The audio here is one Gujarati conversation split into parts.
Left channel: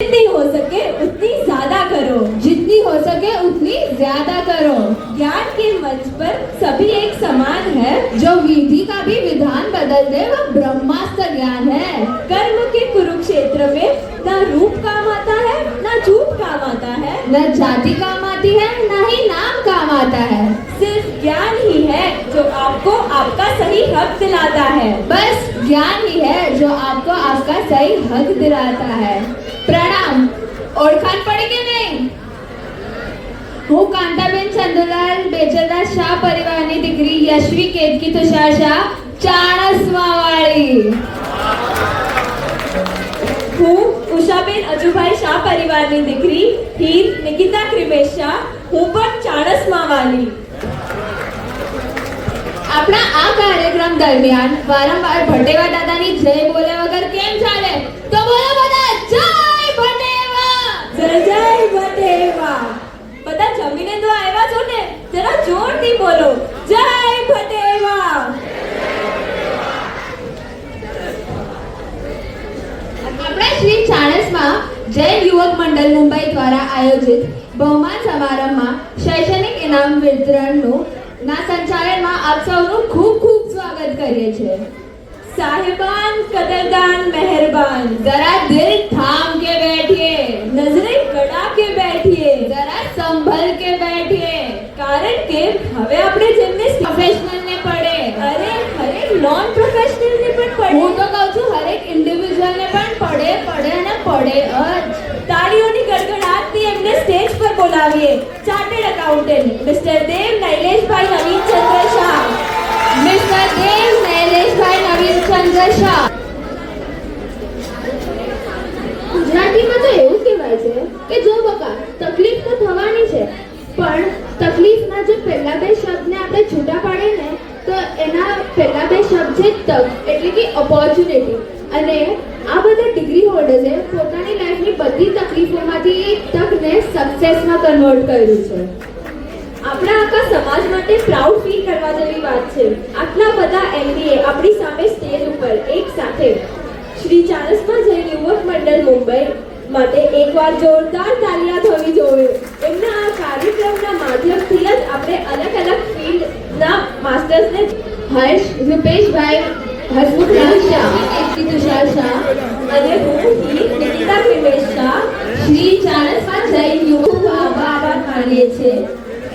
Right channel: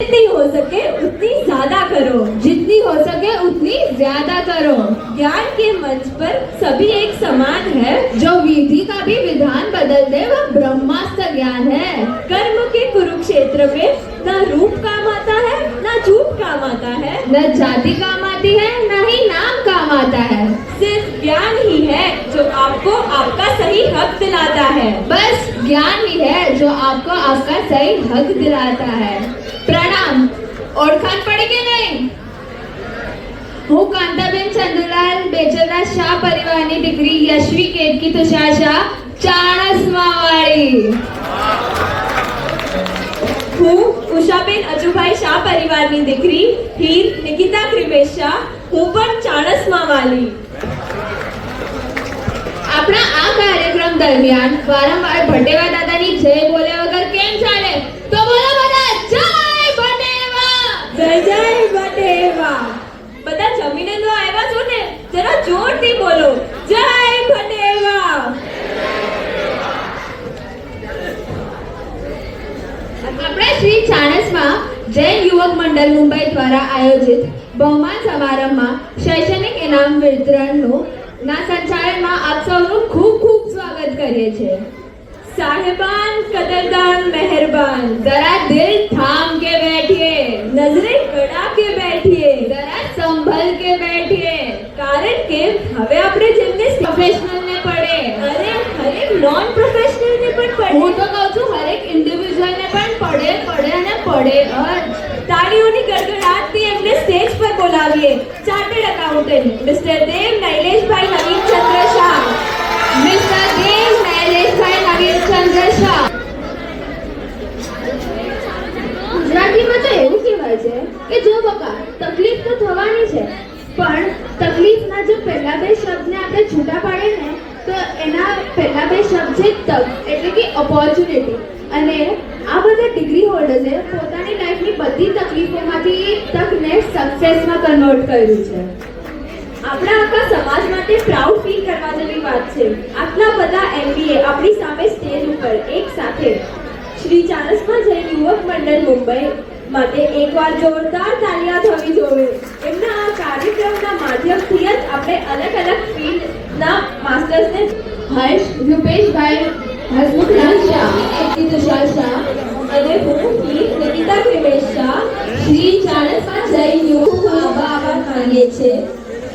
जितनी हो सके उतनी ज्यादा करो, जितनी हो सके उतनी ज्यादा करो। ज्ञान के मंच पर सभी एक समान है, जो विधि का भी विधान बदल दे वह ब्रह्मास्त्र ज्ञान है। कर्म के कुरुक्षेत्र में न रूप काम आता है न झूठ काम आता है, न जाति काम आती है न ही नाम काम आता है। सिर्फ ज्ञान ही है जो आपको आपका सही हक दिलाता है। बस ज्ञान ही है जो आपको आपका सही हक दिलाता है। प्रणाम। ओळखाण पड़ी के नहीं? હું કાંતાબેન ચંદુલાલ બેચરદાસ શાહ પરિવારની દીકરી યશ્વી કેતકી તુષાર શાહ ચાણસ્માવાળી। હું ઉષાબેન અજુભાઈ શાહ પરિવારની દીકરી હીર નિકિતા ક્રિમેશ શાહ, હું પણ ચાણસ્માવાળી। આપણા આ કાર્યક્રમ દરમિયાન વારંવાર ભટેવા દાદાની જય બોલ્યા વગર કેમ ચાલે? તો બોલો બધા જય ભટેવા! જય જય ભટેવા। બધા જમીને તો આવ્યા છો ને, જરા જોરથી બોલો જય ભટેવા। આપણા શ્રી ચાણસ્મા જૈન યુવક મંડળ મુંબઈ દ્વારા આયોજિત બહુમાન સમારંભમાં શૈક્ષણિક ઇનામ વિતરણનું ના સંચાલનમાં આપ સૌનું ખૂબ ખૂબ સ્વાગત કરીએ છીએ। साहिबान कदरदान मेहरबान, जरा दिल थाम के बैठिए, नजरें गड़ा के बैठिए, जरा संभल के बैठिए, कारण के હવે આપણે જેમને પ્રોફેશનલ ને પડે, અરે હરેક નોન પ્રોફેશનલ ને પણ પડે। હું તો કહું છું હરેક ઇન્ડિવિડ્યુઅલ ને પણ પડે પડે અને પડે જ। તાળીઓની ગડગડાટથી એમને સ્ટેજ પર બોલાવીએ ચાર્ટર્ડ એકાઉન્ટન્ટ મિસ્ટર દેવ નૈલેશભાઈ નવીનચંદ્ર શાહ। મિસ્ટર દેવ નૈલેશભાઈ નવીનચંદ્ર શાહ। ગુજરાતીમાં તો એવું કહેવાય છે કે જો બકા તકલીફ તો થવાની છે, પણ તકલીફના જે પહેલા બે શબ્દને આપણે છૂટા પાડે ને તો એના પહેલા બે શબ્દ છે તક, એટલે કે ઓપોર્ચ્યુનિટી। અને આ બધા ડિગ્રી હોલ્ડર્સે પોતાની લાઈફની બધી તકલીફોમાંથી એક તકને સક્સેસમાં કન્વર્ટ કર્યું છે। આપણા આખા સમાજ માટે પ્રાઉડ ફીલ કરવા જેવી વાત છે। આટલા બધા એમબીએ આપણી સામે સ્ટેજ ઉપર એક સાથે। શ્રી ચાણસ્મા જૈન યુવક મંડળ મુંબઈ માટે એકવાર જોરદાર તાળીઓ થવી જોઈએ। એમના આ કાર્યક્રમના માધ્યમથી જ આપણે અલગ અલગ ફિલ્ડના માસ્ટર્સને હર્ષ રૂપેશભાઈ હસમુખલાલ શાહ, કેતકી તુષાર શાહ અને હું હીર નિકિતા ક્રિમેશ શાહ શ્રી ચાણસ્મા જૈન યુવક આભાર માનીએ છીએ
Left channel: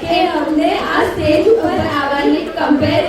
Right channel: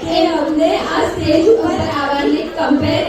કે અમને આ સ્ટેજ ઉપર આવવાની કમ્પેર